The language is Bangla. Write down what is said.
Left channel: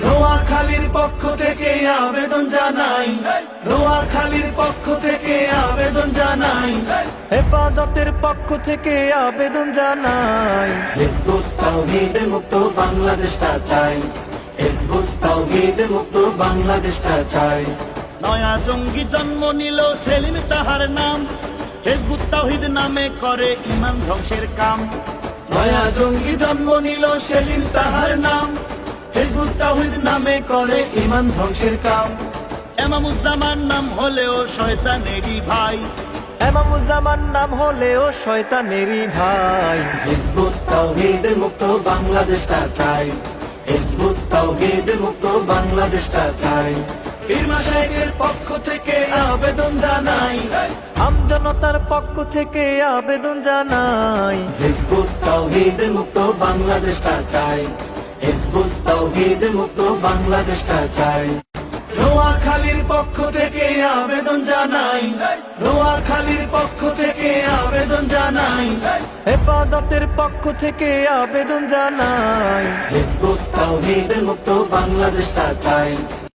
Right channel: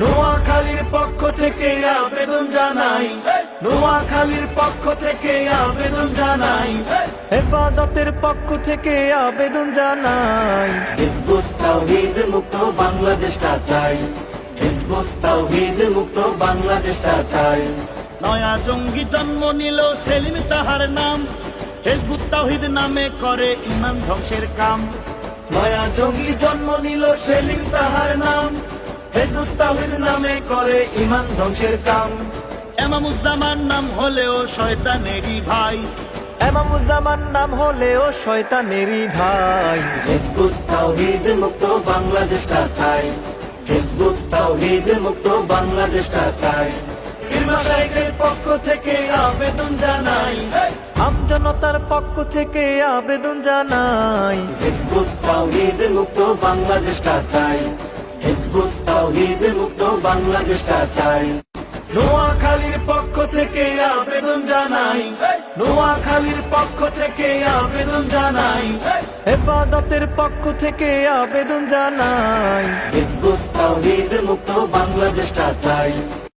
নোয়াখালীর পক্ষ থেকে আবেদন জানাই, নোয়াখালীর পক্ষ থেকে আবেদন জানাই, হেফাজতের পক্ষ থেকে আবেদন জানাই। হিজবুত তাওহীদ মুক্ত বাংলাদেশটা চাই, হিজবুত তাওহীদ মুক্ত বাংলাদেশটা চাই। নয়া জঙ্গি জন্ম নিল সেলিম তাহার নাম, হিজবুত তাওহীদ নামে করে ইমান ধ্বংসের কাম। নয়া জঙ্গি জন্ম নিল সেলিম তাহার নাম, হিজবুত তাওহীদ নামে করে ইমান ধ্বংসের কাম। এমামুজ্জামান নাম হলেও শয়তানেরই ভাই, এমামুজ্জামান নাম হলেও শয়তানেরই ভাই। হিজবুত তাওহীদ মুক্ত বাংলাদেশটা চাই, হিজবুত তাওহীদ মুক্ত বাংলাদেশটা চাই। পীর মাশায়েখের পক্ষ থেকে আবেদন জানাই, আমজনতার পক্ষ থেকে আবেদন জানাই। হিজবুত তাওহীদ মুক্ত বাংলাদেশটা চাই, হিজবুত তাওহীদ মুক্ত বাংলাদেশটা চাই। নোয়াখালীর পক্ষ থেকে আবেদন জানাই, নোয়াখালীর পক্ষ থেকে আবেদন জানাই, হেফাজতের পক্ষ থেকে আবেদন জানাই। হিজবুত তাওহীদ মুক্ত বাংলাদেশটা চাই।